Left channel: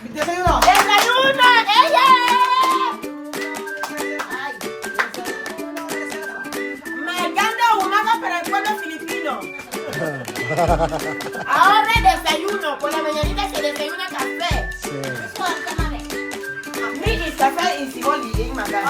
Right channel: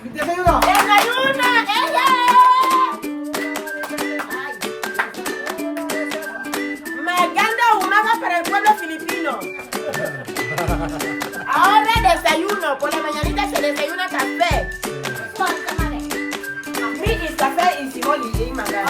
Desayuno! ¡Desayuno! Maganda umaga para el pueblo filipino. Ahora desayuno. Por la mañanita se desayuna café. Mi is café y siboli y maga.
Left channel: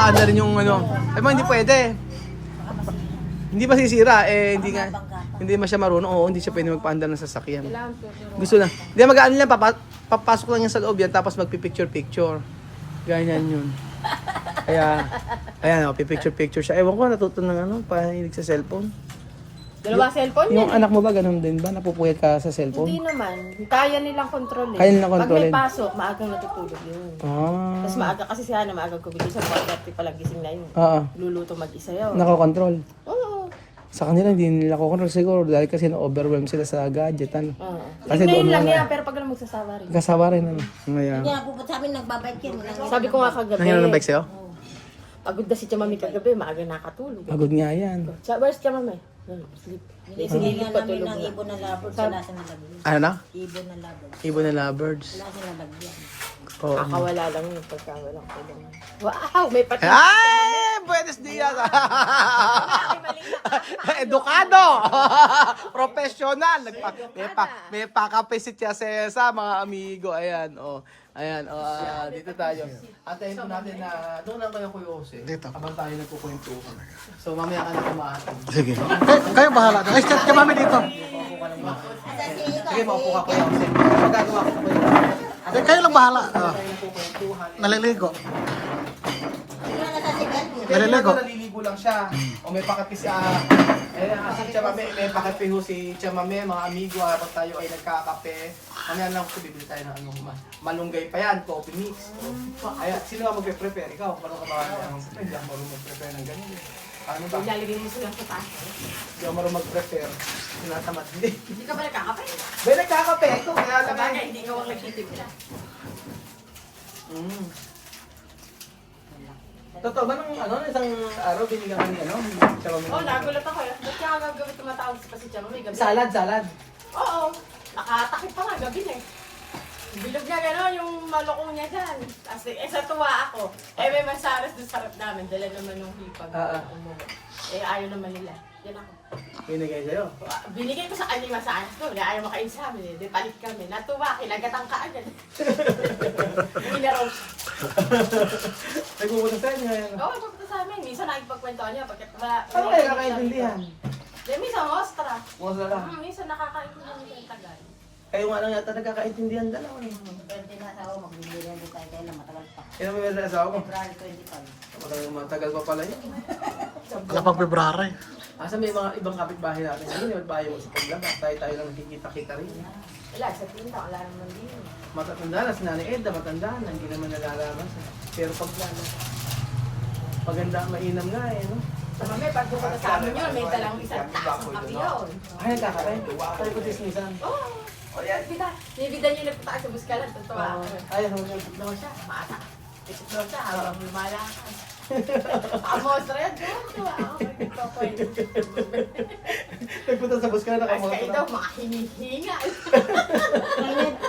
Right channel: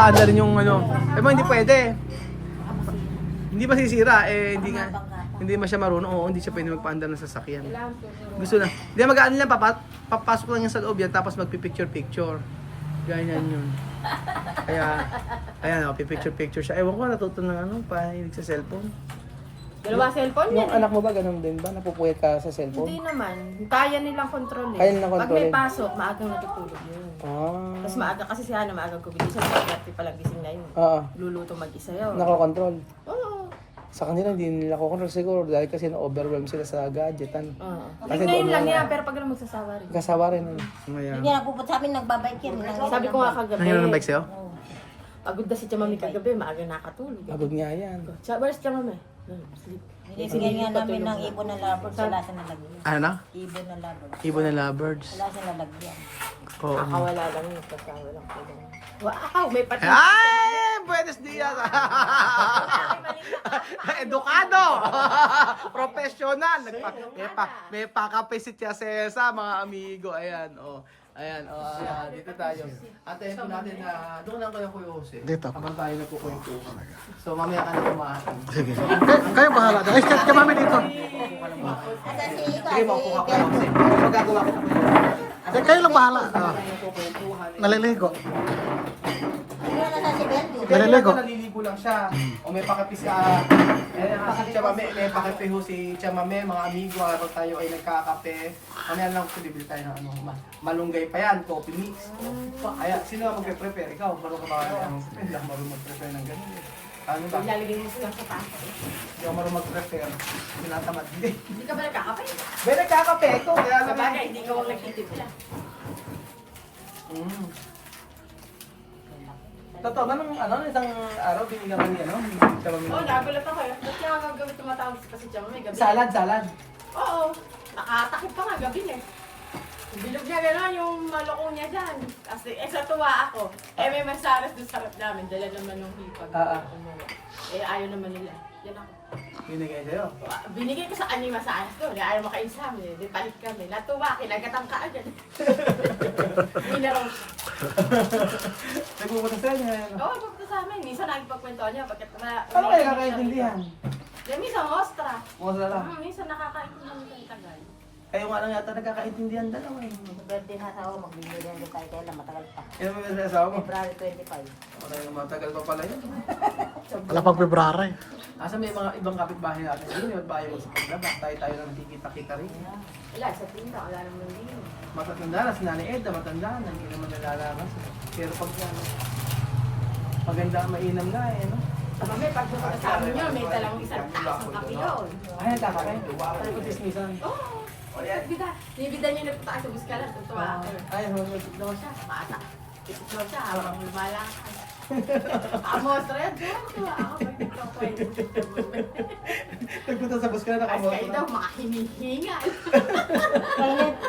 Anda rin yung ano. Eh, hindi pwede. Hindi masisira eh, hindi siya marunong. Oo, hindi siya pwede magpaandar ng sasakyan. Gusto na. Hindi mag-ano lang, papasok lang yan sa loob yan, tapos magpipicture-picture. Ganyan yun. Kaya, ayan o, pipicture-picture siya. Ewan ko, natuto ng ano, pahilig sa cellphone. Dalawa cellphone Yung yan. anak mo ba ganun din ba? Napupuhit ka sa Hindi cellphone? naman. Kaya nilang kontrolin. Kaya nilang Pag kontrolin. may pasok, maagang natutulog yun. Ah. Tapos maaga kasi sila na maagang kumilis. Sa dati palang gising na yun. Oo. Luluto mag-isa yun. Nakakontrol. Oo. Sa kanila hindi nila kukontrol siguro dahil kasi na-overwhelm sila sa gadget. Oo. Kasi Ngayon doon lang na- yan, pero pag alam magsasawa rin. Kasawa rin. Ngayon. Hindi nagpuput sa amin, nagbabike yan. Sabi ko nga kagabi. Nangyari ng bike sa'yo? Pagod na si Chamami kagabi, maaga nakatulog. Pagod nga yan. Where's Chamami? Sleep. Sinilip pa tulog ng na. ibon ng lovebirds, wala sa nalagyan. Ano na? Ibon ng lovebirds, Ibon na lovebirds. wala sa nalagyan. Oo. Kakawala lang yun. Pagkawalang pa lang. Wow! May pati. Ay! Buenos dias! Edukado! Professional! May pakape si Tia Cesa, mga amigo. Ayan, oh. Ayan, oh, dito tayo. Antayin ko natin na doon lang ko ng Kuya Jose. Dito. Habang tayo nagkukwento. So, mamaya ka na kumain. Sige. Kayo bahala. Ay, kamami dito. Sige, maupo ka Kuya Jose. Magagawa ko na Kayo lang bahala. Ah, nagkukwentuhan. naliligo. Naliligo. Naliligo. Naliligo lang siya. O may pakapi si si Chamame, may pakapi ho si Chamame, mga amigo, habang tayo ay nagkakape. Mamaya lang ko bibili tayo ng ano, malunggay pa yan, coffee mix. Kaya sino ang magpe-prepare? Ikaw, marunong ka ba? Hindi ako marunong mag-prepare ng ganun. Ano ba? Ilalagay mo sila sa taas. Hindi ako marunong mag-prepare. Tinatamad. Hindi. Hindi ka ba nagkakape? Ba nagkakape? Ikaw, kaya Sa bagay, hindi ka wang nagtitipla. Totoo ba nung ano, isang araw binigyan ko ng ano? Chamame. Oo, nagulat ako eh. Ba't kaya gagawin tumatawag pa si Chamami gabi? Salad. Oo. Nakatakip pa nga gabi eh. Yung bilog niya gano'n, yung malukong niya dyan. Kasi sa tuwa ako. May masaras doon sa harap namin. Dala naman ng hipag. Umuwi. Ayaw naman nila. Yan ako. Binigay sa'yo. Binigay ko sa kanya yung masaras ko. Ayaw makain sa amin. Di palit kami. Natuwa, kinagatang ka agad. Hindi na raw siya. Nagpupunta sa inyo ngayon. Oo, papunta sa amin. Minsan nakikipagkwentuhan niya. Pagkat Ano kayo nakakaintindihan? Yan, minsan ostra. Wala lang. Minsan nakakaintindihan nito yung tagal. Kayo nga lang yata nagkakaintindihan dalawa eh. Pero tinasawa, magbibili na tayo kailan, matagal pa. Kaya mo yung asawa mo? February 25. Matagal pa pala yun. Wala pang February. Asa may mga ibang kapitbahay natin. Hindi yung bahay mo sa paglaba. Tayo lang nakikita-kita rin. Wala, sa tinta, wala naman din. Matatanda na si Nani Edda, matanda na. Hindi naman nalalaman. Pero pag paganda, mainam nga eh. No? Sa mami, pag pumunta sa amin yun, may talang isang taas ng kape yun. Ay, nagkakain. Tayo ko dismissan. Oo. Bida. Nibida niyo nagpunta sa Buskalan. Tuntua ako. Ay, Itlog siya, mata. Itlog siya, habang lumalakad. Amos red, doon. Ako, nagpunta sa bus ka na Kasi kayo nakamoto daw, na. mga hinihingal.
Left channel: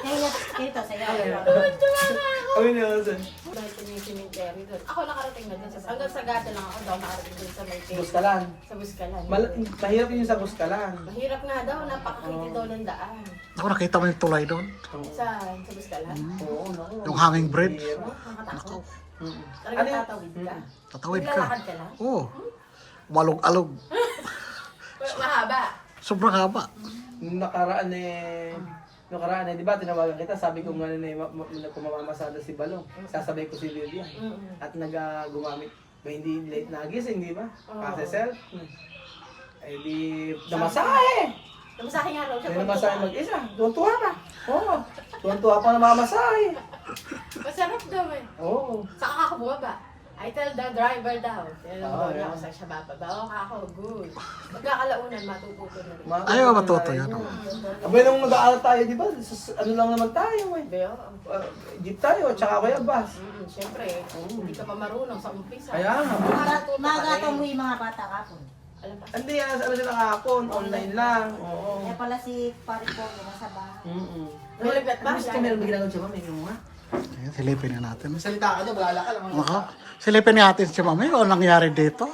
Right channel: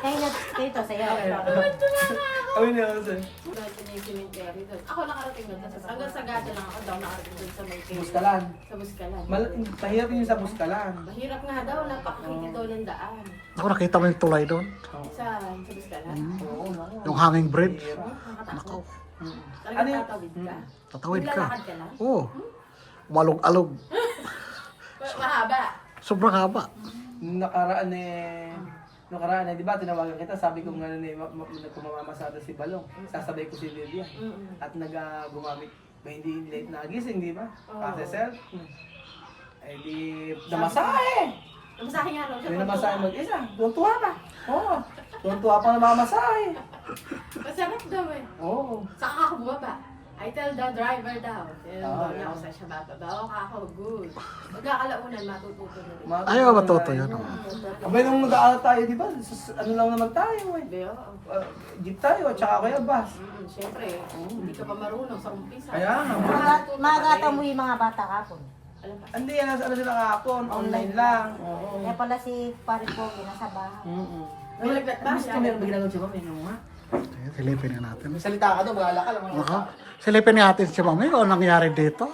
Kaya dito sa'yo. Kami niya kasi. Dahil sinisimentary doon. Ako nakarating na dun. Hanggang sa gasa lang ako daw nakarating dun sa may Buskalan. Sa Buskalan. Mahirap yun sa Buskalan. Mahirap nga daw, napakakiti daw ng daan. Ako nakita mo yung tulay doon. Saan? Sa Buskalan? Oo, naku. Yung hanging bridge. Nakatakot. Ano Talagang yun? tatawid ka? Tatawid ka. Lalakad ka lang? Oo. Malog-alog. Mahaba. Sobrang haba. Nakaraan di ba, tinawagan kita, sabi ko nga na kung mamamasada si Balong, sasabay ko si Lilia. At gumamit, may hindi late nagising, di ba? Kasi self. Ay di, namasahe! Namasahe nga raw siya. May namasahe mag-isa, tuwan-tuwa pa. Oo, tuwan-tuwa pa na mamasahe. Masarap daw eh. Oo. Saka ako bumaba. I tell the driver daw. Oo, Niya ako sa siya bababa. Ako, good. Magkakalaunan, matututo na rin. Ayaw matuto yan. Oh. Abay, nung nag-aaral tayo, di ba? Ano lang naman tayo eh. Beo? Jeep tayo, tsaka kaya bus. Siyempre, hindi ka pa marunong sa umpisa. Kaya nga. Mga umuwi mga bata kapon. Alam ba? Hindi yan, ano sila kahapon, online lang. Oo. Kaya pala si pare ko, nasa bahay. Nalipat ba? Mas kami ang ginagawa siya, mami, yung Ayan, silipin nga natin. salita ka doon, malala ka lang. Ako, silipin natin si Mami kung anong nangyari dito.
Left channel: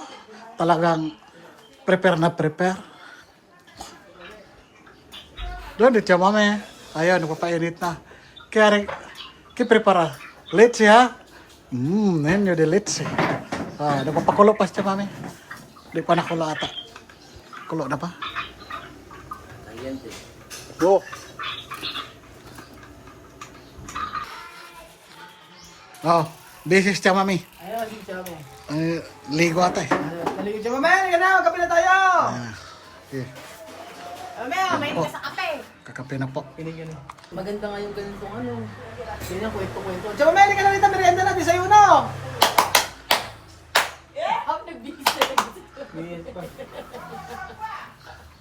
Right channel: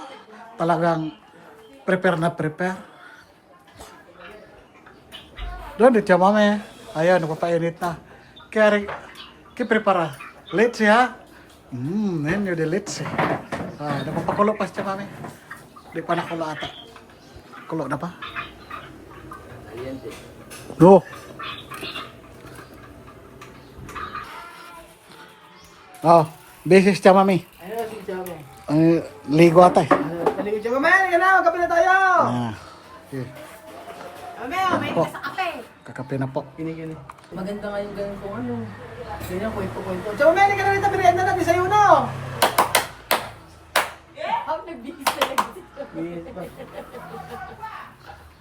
Talagang prepare na prepare. Doon, dito siya Mami. Ayan, nagpapainit na. Kaya, kiprepara. Let's ha? Ngayon yung let's eh. Nagpapakulo pa siya Mami. Di pa nakulo ata. Kulo na pa? No. Oh, busy siya Mami. Ayun, si Chamo. Ligo ata eh. Maligid siya, mami, halika na, kape na tayo! Ah, okay. May Po. sa kape. Kakape na po. Pinigyan. Maganda nga yung ganitong ano. Ganyan, kwento-kwento. Chamo, mami, halika na rito, merienda na, desayuno! Ang nabisa.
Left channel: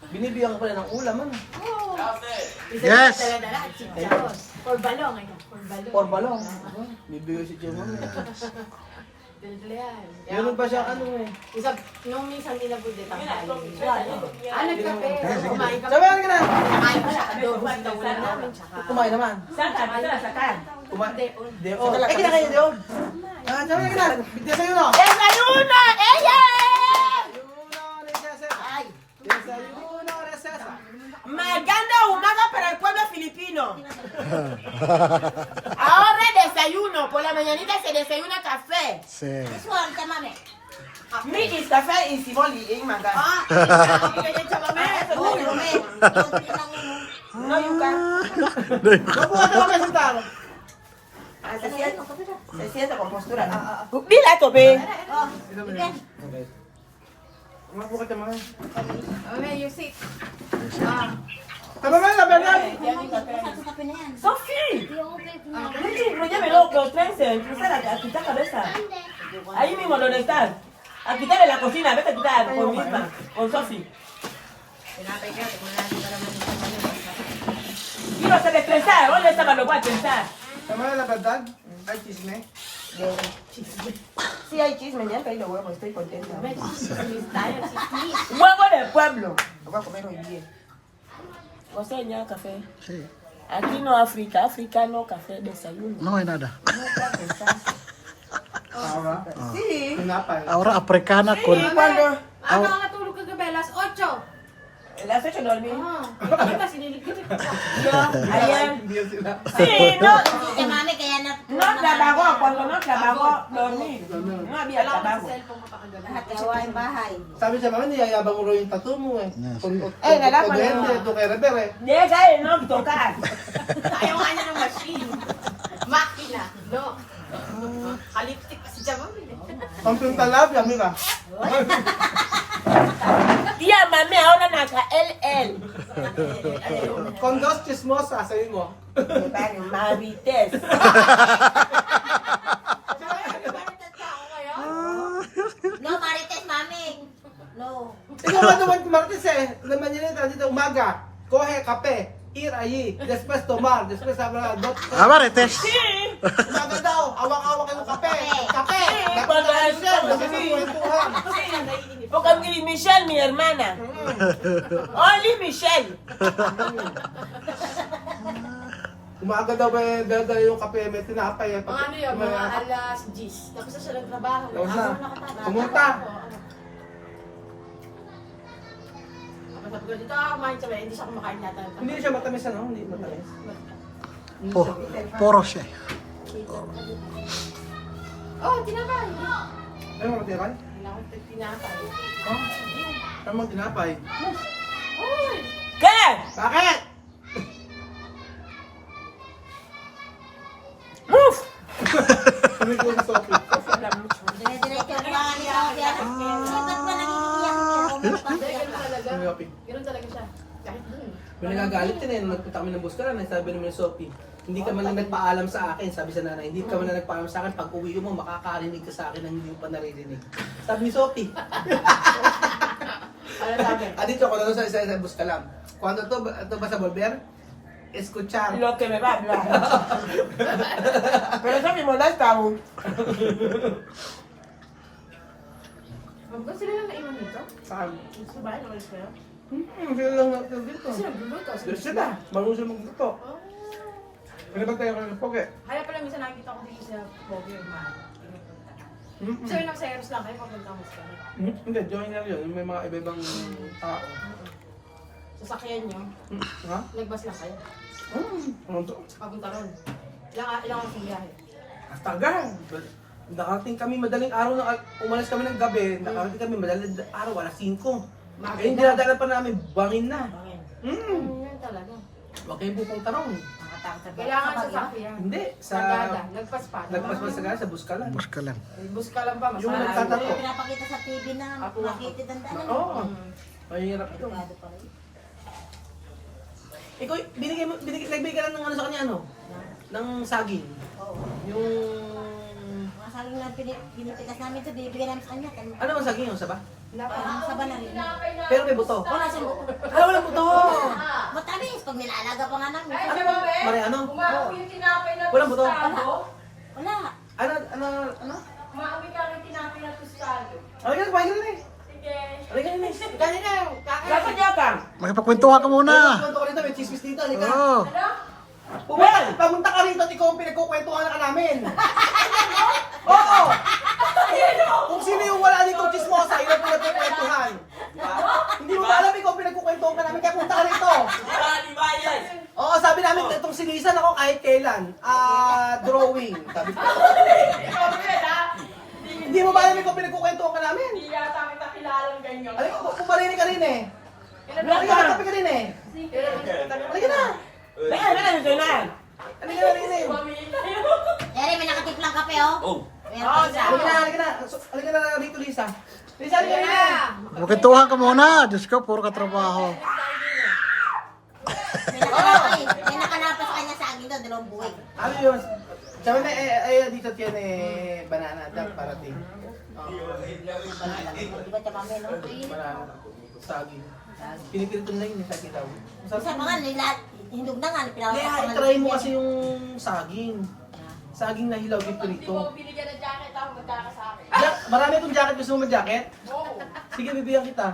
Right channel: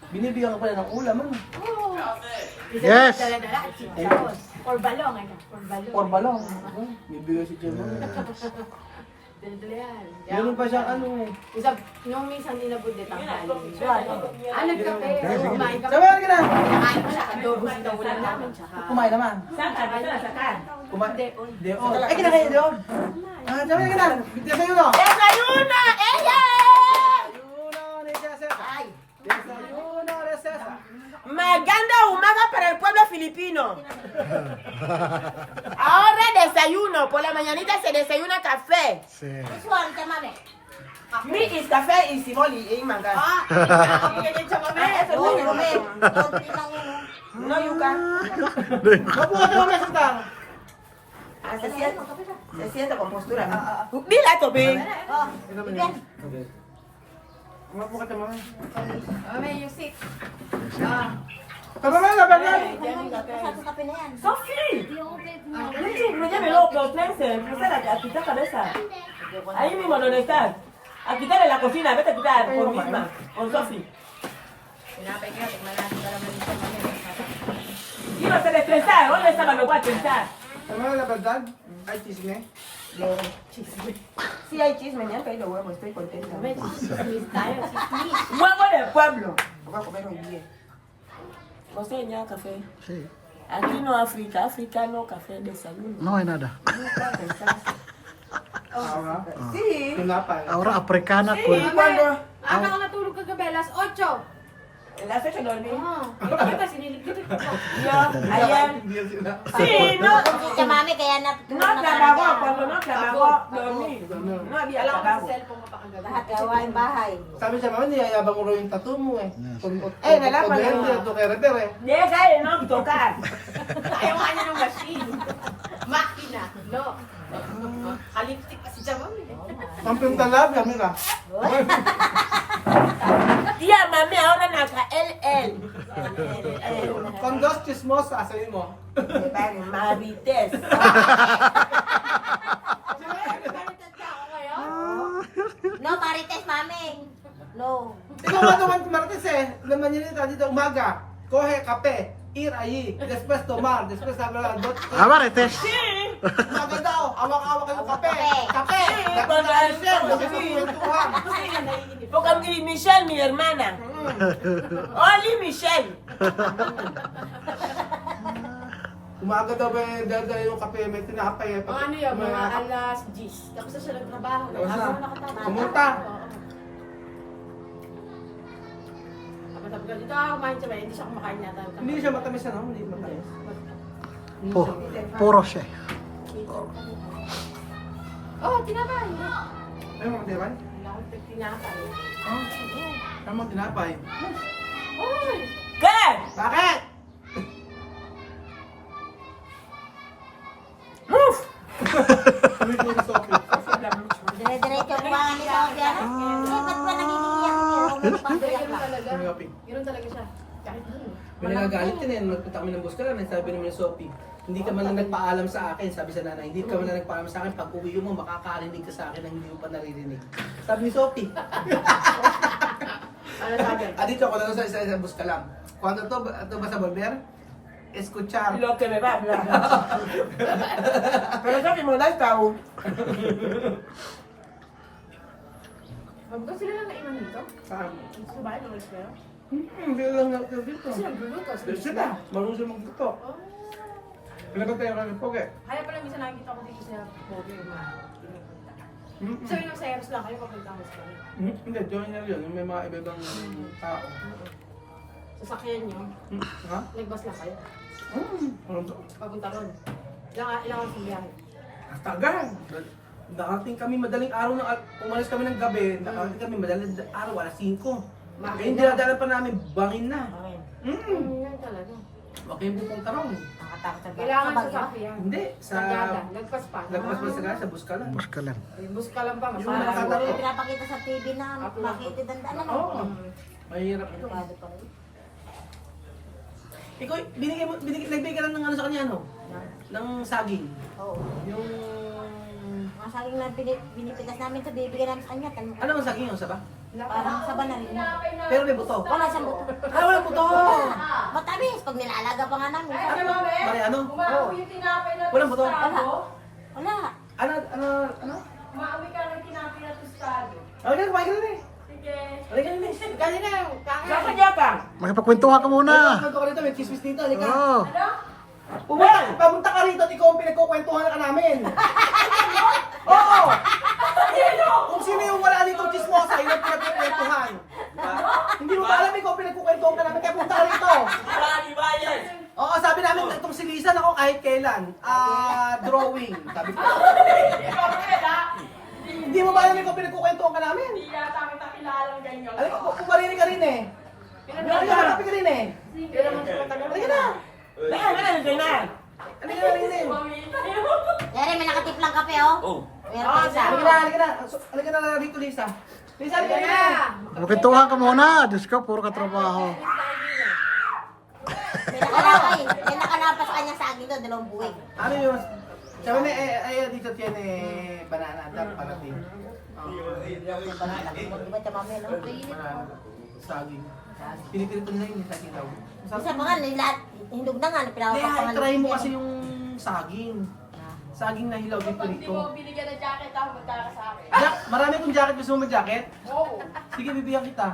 Binibigyan ka pala ng ulam, ano? Yes! Or balong, ano? Or balong. Or balong. Bibigyan si Chamo. Dala yan. Ganun pa siya, ano eh. Yung minsan inabot din ang hali. Nagkape. Kumain ka. Chamo, halika na! Kumain ka. Adobo sa daw namin. Tsaka. Kumain naman. Saan? Kumain. Hindi, oh. Eh, kinakain niyo? Chamo, halika na! Desayuno! Desayuno! Eye! Desayuno, recesa. Desayuno, recesa. Maganda umaga para el pueblo filipino. Ahora desayuno. Por la mañanita se desayuna café. Sí. Me is café y simoli y manga. No yuca. Mabuhat na kami sa Se siente con postura. Dile esto, ve. Mabuhat naman. You sit. Tama na, Bernard! Sophie. No lleve loco, Spencer. A quitar cabeza. Ahí mismo donde estás. A quitar en la cocina. Vete a quitar con misma. Con Sophie. Ibas a descansar. ¿Dónde estaba lo voy a pensar? Tama na, Bernard? Ay, chisme. Sí hay chisme, ya traí los huevos, estoy contenta. Huevo del pueblo. Lo voy a comer hoy día. No sé, ya café. Sí. Aquí no África, africano, café, desayuno. No hay nada. Sí. Pinapay. Ahora africana con... Cuando Ako nakatulog kagabi, alas 8. las 8 dormí. Bakit ba siniligpit ko? Yo, ayer. Hindi sila. Sí, no. Si mami, kaya No trabajo, cuando no trabajo, dormí. No había Wala akong trabajo. cellphone ko pa kagabi. lahat gawain bahay. Sabi siya, mama, niyayabang mo raw yung tattoo mo eh. nalaman Kodente, na. ito kay Reber eh. Llega y no tocar. Ayaw nga niya ng machine. Makina. No. Kalipstick pa si Jamam. Pampyung talab, yami ka. Tía, mami, ahora naka LL. Kondos chismosa, sabi mo. Marites. No, marites, mami. No. Ikaw nga naman kumartis eh. Naman yun dito umaga. Kohe, kape. Ir ayi. Después tomar. Después hablar. Marites. Umaga daw. Awak-awak ang kape. Kape. Cuando Porque mi Michelle, mi hermana. Only Michelle. Umaga daw ba dala yung kape. May tinapay. Mga ano yun, mga alas 10. Tapos na siya nagtrabaho. O sa? Ako nakatapos. Pumunta. Tapos sabi ko, dito ako kumain siya. Hindi siya kumakain yata. Hindi siya matamis ano? Hindi matamis. Puro siya. Oh, tinapay. Ay, mga tinapay? Wala akong tinapay. Oh. Ano mga tinapay? Oy! ¿Qué? Bakit? Move. Sabi ko sa Sophie. Dire-diretso ang bahay niya. Ba't pa nangiiyak? Hindi, ganun talaga. Sophie. Ganun talaga siya. Kahit dun. May nagagalit yun eh. Nagpunta kami ng Buskaran. Sabi naman ni Sophie, hindi ka man lang nagpaalam sa akin. Sabi sa nanay, hindi ka man lang nagpaalam sa akin. Pag uwi mo, makakarinig ka sa akin na hindi mo pa naririnig. Sabi ni Sophie. Ano sabi? Dito ako na sa Buskaran. Kung ito ba sa Volver? Escuchar. Lo que me va a hablar. Pero eso me molesta aún. Ba sila lang naiwan nito? Saan? Sa bahay, nakalis kayo? Sila lang natin dito. Kasi nagluluto. Sila. Marunong sila magluto. Pinagkataya ka ng poge. Kaya pala minsan nakikita ko dito sa Bogue pinupunta. So yun ang seros lang kayo papunta ko sa kanya. Hindi, joiner yun. May mga iba-ibang tao. Sasakyan nyo, Ha? nagbas lang kayo. Ano to? Papunta ron. Ilang oras yung biyahe? Tagal. Nakarating kami madaling araw na umalis kami ng gabi. Nakarating kami madaling araw, alas 5. Eh, hindi na pa namin, bangin na. Okay. Mm. Yun talaga. Okay, pupunta ron. Nakatakot sa Kailangan sa sa bagyo. sakyan. Hindi, sa... Sagada, nagpas pa. Nagpas pa sa gala, sa Buskalan. Bus ka lang. Bus ka lang ba? Yung Masaya. nagtatakbo. Yung pinapakita sa TV na nakikita ang Oo. Mahirap ito. Delikado pa rin. Ikaw, nagbigay ka lang ng ano sa kanya, ano? Ng saging. Oo. Yung... Mga saging na pinipitas namin ito, bibigyan namin sa kanya. Ano man saging yun, saba? Parang saba na rin. Pero may buto. Wala siyang buto. Ano walang buto? Matamis, pag nilalaga pa nga namin. Mari, ano? Oo. Walang buto. Wala. Ano? Maawi ka ng tinapay na tostado. Alagyan na, kumain ka na eh. Sige. Alagyan na eh. Kaya na yun. Kaya niya ba? Makipagkwentuhan ka muna. Punto ka rito, may chismis dito. Halika. Oo. Pamunta ka rito at ikaw ang pinagkukwentuhan ka namin. Oo! Kung sino yung wala dito chismosa, yun ang pinagkukwentuhan. Hindi mo ba alam ikaw ang pinagkukwentuhan ka namin, kaya punta ka rito. Oo, sabi namin itong si Lisa, ako kahit kailan. Drawing. Sabi ko. Hindi mo ba alam ikaw pinagkukwentuhan ka namin? Hindi yata kita kilalang ganyan. Alam ko, pumarinig ka rin eh. Halika, magkape ka rin eh. Pero naman sa tagal. Halika na. Halika na rin eh. Yari, may nakatiplang kape, oh. Oh. Meron isa. Halika na. Halika na dito, Lisa. Lisa, halika na. Makipagkwentuhan ka muna. Diyos ko, puro ka trabaho. May nakalapa sa kanya sa akin doon, 2 buhay. Ano yun? Sabi na, dito yan banana. Dapat parating. Di ba tama mo, no? Banana. Saging. Pinipilit lang yun, saging daw. Isa pa nga, hindog na nga, Kaya, try mo kasi yung saging. Saging na hilaw dito nito. Binigyan ng jacket ako, magkaka sa akin. Marami akong jacket. Gusto mo mag-jacket? Oo. Sige, bibigyan kita.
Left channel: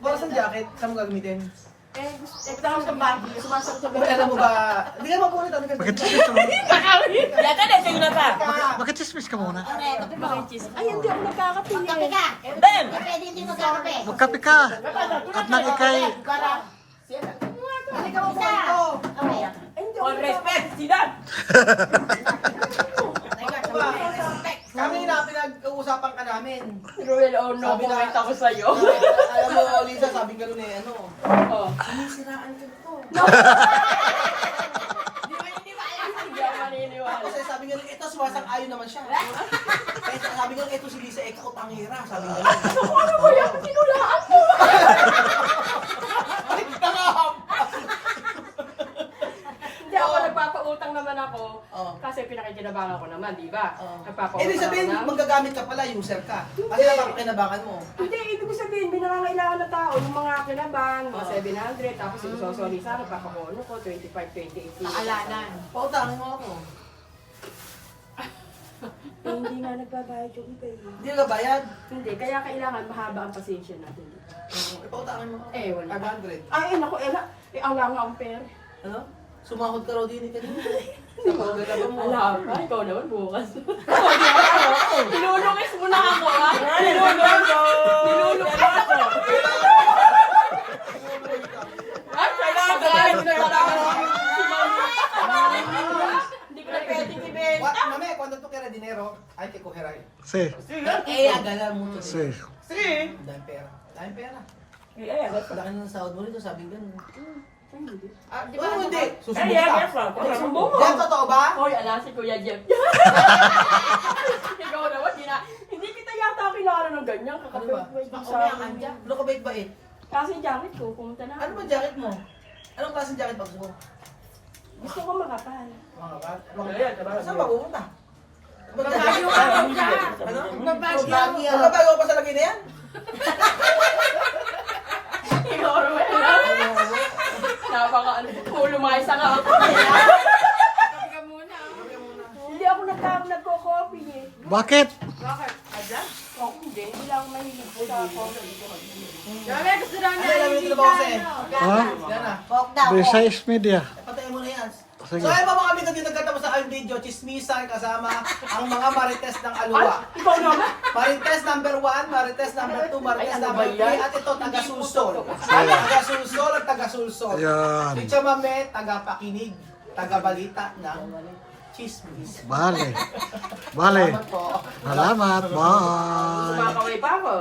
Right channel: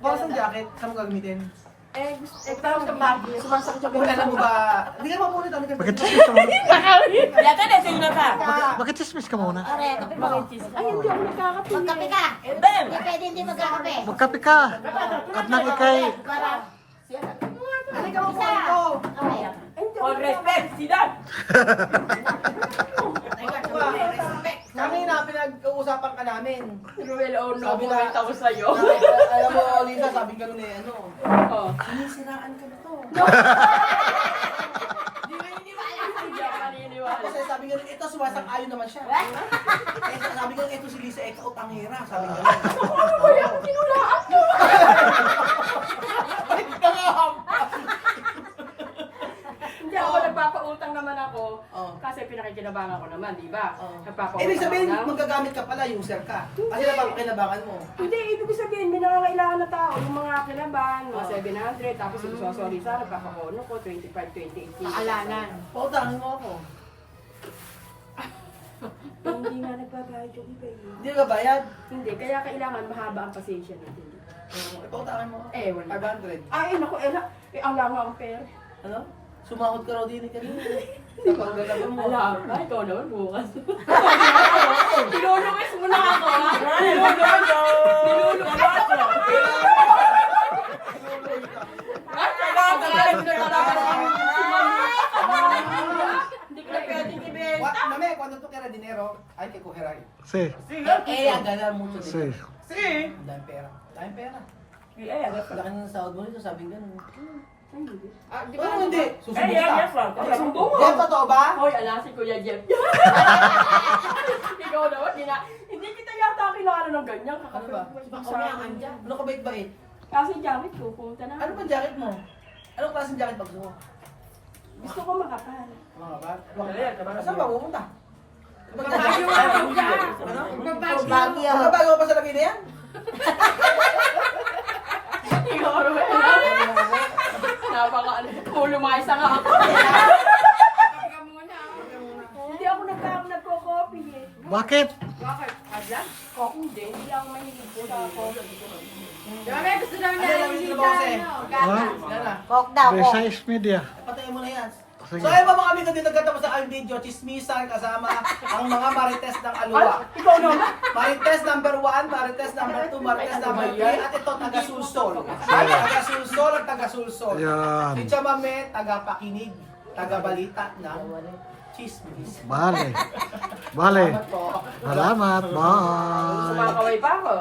Para sa jacket, saan mo gagamitin? Ito ako sa bagyo. Kung alam mo ba, hindi ka mapulit. Ano ka? Bakit chismis ka muna? Kaya ka na, sino ba? Bakit chismis ka muna? Ay, hindi ako nagkakape. Magkape ka. Pwede hindi magkakape. Magkape ka. At nang ikay... Halika mo po dito. All respect, Sidan! Kanina, pinag-uusapan ka namin. Ruel, oh no, Sabi na- bumita ko sa'yo. Alam mo, Lisa, sabi ko nun eh, ano? Oh. Sinisiraan ka na to. Hindi ba alam? Hindi ako maniniwala. Kasi sabi nga, ito sumasang-ayon naman siya. Kaya sabi nga, ito si Lisa, kautangera. Sabi nga. Tinulaan mo! Hindi ako nagpapautang naman ako. Oo. Kasi pinakikinabangan ko naman, di ba? Nagpapautang Eh, di sabihin, ako na. magagamit ka pala, user ka. Kasi naman kinabangan mo. Hindi, ibig ko sabihin, may nangangailangan na tao, yung mga kinaban, mga 700, tapos yung sosoli sa nagpakakono ko, 25, 28. Paalanan. Pautangin mo ako. Hindi na nagbabayad yung iba. Hindi ka bayad. Hindi, kaya kailangan mahaba ang pasensya natin. Pautangin mo ako. Eh, wala. 500. Ay, naku, ang lang ang pera. Ano? Sumahod ka raw din eh kanina. Sa paglalaba mo. Alam ka, ikaw naman bukas. Tinulungis mo na ako, ha? Tinulungis ako. At kailangan na hindi ko na pwedeng ibenta. Mame, cuando tú quieras dinero, hay que coger ahí. Sí. Ella gana mucho Sí. dinero. Sí. Dahil pera. Dahil pera. Eh, Laki ng sahod mo nito, sabi ganun. di Paano hindi? Eh, Susumbong yan, ka. yes, Frank. Susumbong mo. Yan, totoo ba? Hoy, ala si Kuya Jeff. Ikaw naman, hindi kita yata kilala ng ganyan. Ano ba? Kakapit sa akin dyan. Ano ka bait-bait? Kasi jacket ko, pumunta na. Ano ba jacket mo? Anong klaseng jacket pag gusto mo? Gusto ko makapal. Mga ba? Saan ba pupunta? Magbagyo nga ako dyan. Ano? Magbagyo. Magbabago pa sa lagay na yan? Ikaw naman. Napaka ano. Lumayas nga ako. Hindi ako nagko-copy eh. Bakit? Bakit? vlog? Oo, hindi. Hindi lang ako mahilig po ako. Dami, gusto lang na Ano lang yung hindi trabaho ka, sa'yo? Ha? Yan na. Coke daw, The Coke. size media. Patayin mo na yan. Sige. So ayun mga kami dito nagkatapos sa ang video, chismisan kasama ang mga marites ng Aluwa. Ikaw naman. Marites number 1, Marites number 2, Marites number 3, at ito taga-sulsol. Taga-sulsol at taga-sulsol. Ayan. Si Chamame, taga-pakinig, taga-balita ng chismis. Bale. Bale. Salamat po. Salamat. Bye. Kumakaway pa ako.